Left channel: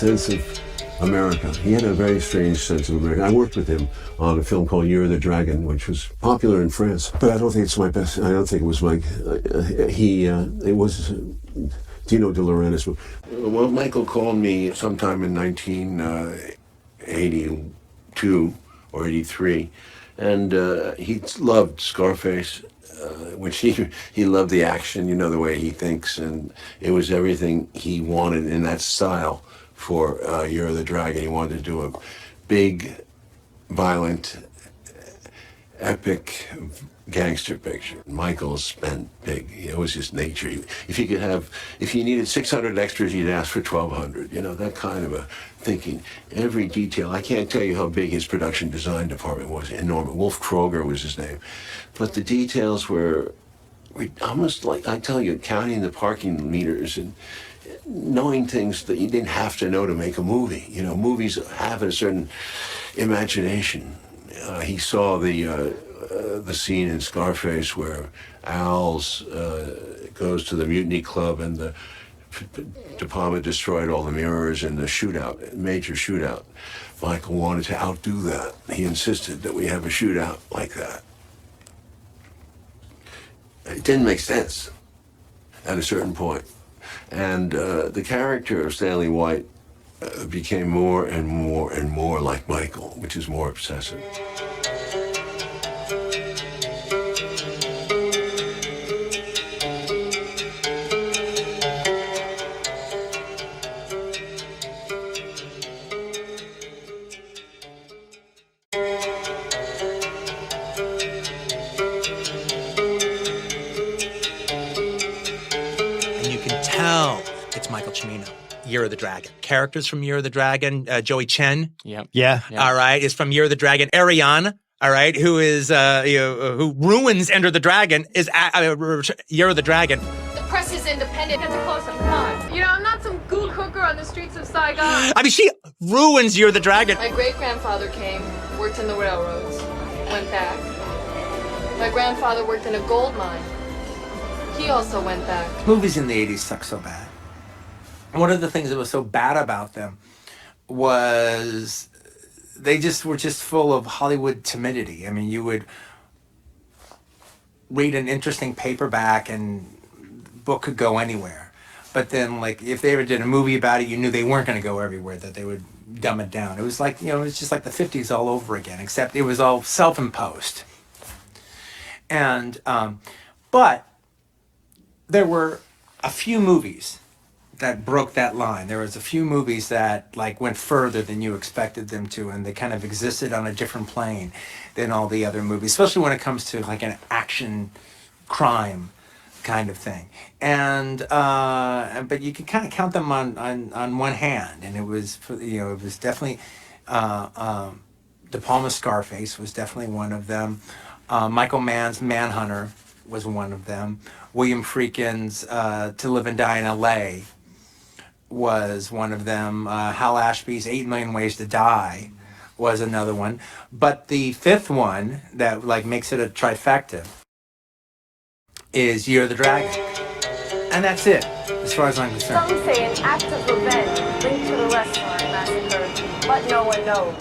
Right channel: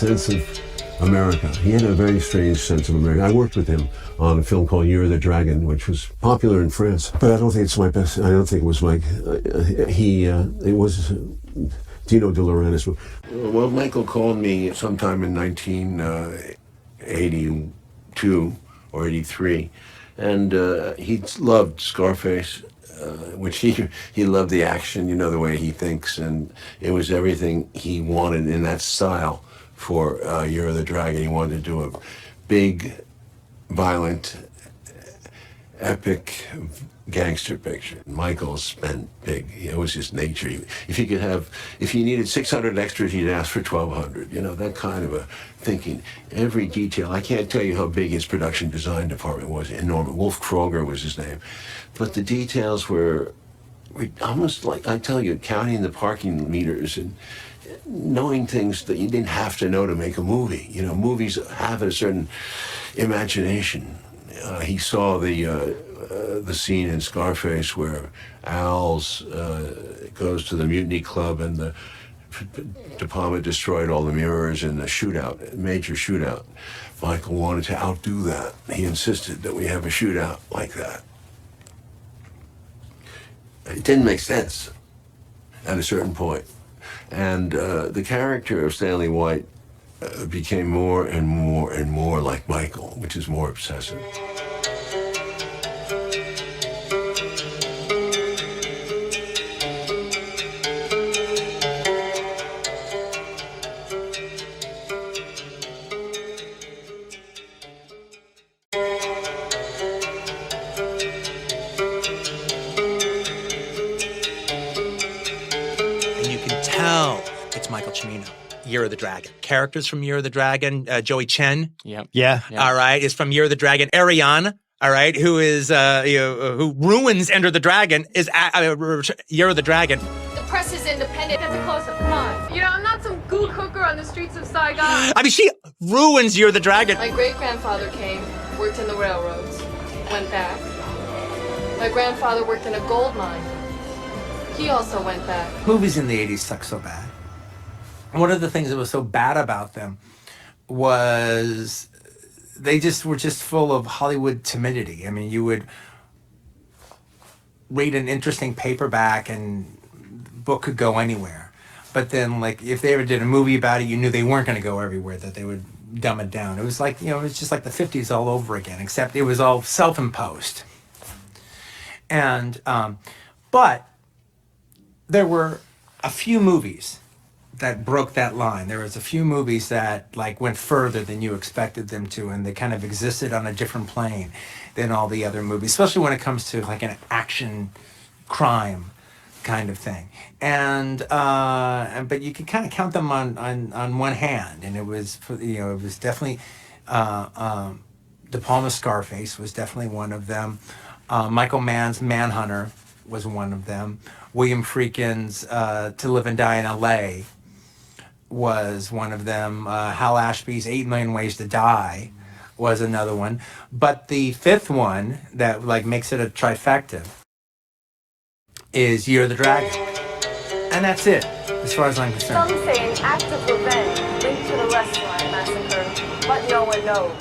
sense of America. He had a very strange sense of America. I worked with him on a film called Year of the Dragon, which was popular in France, but I don't think it's my best. I don't think it was Mike. It was Dino De Laurentiis. Well, Michael called me sometime in 1982 or 83, and he loved Scarface. Which he loved the action, you know, the way he thinks, and it was everything he wanted in that style for Year of the Dragon. He wanted to do a big, violent, epic gangster picture. Michael spent big. It was his nature. If he needed 600 extras, he'd ask for 1,200. You know, that kind of a thinking. Every detail. I can't tell you how big his production design department was. Enormous. Wolf Kroger was his name. But the details were almost like, I tell you, counting the parking meters and knowing things that you didn't have to know to make a movie. You know, movies have a certain imagination. He saw the scene in Scarface where Al's goes to the Mutiny Club and the De Palma destroyed all the mirrors in the shootout, major shootout. Michael wanted to outdo that. He insisted that we have a shootout like that. It didn't make sense at a certain point. And the character of Stanley White became more and more and more like Michael, which is more obsessive. It's Michael Cimino, Year of the Dragon. Characters from Year of the Dragon, Joey Chen. Yep. Yeah. All right, is from Year of the Dragon. Ariane, all right, who is who ruins Enter the Dragon, is Year of the Dragon. The press is independent. That's a close-up. Come on. You know, I'm not some gook hooker on the streets of Saigon. I mean, she ruins Year of the Dragon. My great-grandfather came, worked in the railroads, went back. My grandfather worked in a gold mine. He also went back. Movies in the 80s suck so bad. One of the things that was so bad about them was they were just full of Hollywood timidity. I mean, you would read an interesting paperback and the book could go anywhere. But then, like, if they ever did a movie about it, you knew they weren't going to go everywhere, that they would dumb it down. It was like, it was just like the 50s all over again, except it was all self-imposed. And, but there were a few movies that broke that line. There was a few movies that like went further than you expected them to, and they kind of existed on a different plane than all the other movies, especially when it comes to like an action crime kind of thing. And but you can kind of count them on one hand, and it was it was definitely De Palma's Scarface was definitely one of them. Michael Mann's Manhunter was one of them. William Friedkin's To Live and Die in L.A. was one of them. Hal Ashby's 8 Million Ways to Die was another one. But the fifth one that like makes it a trifecta is Year of the Dragon. And that's it, as far as I'm concerned. Some say an act of revenge linked to the restaurant massacre, but no one knows.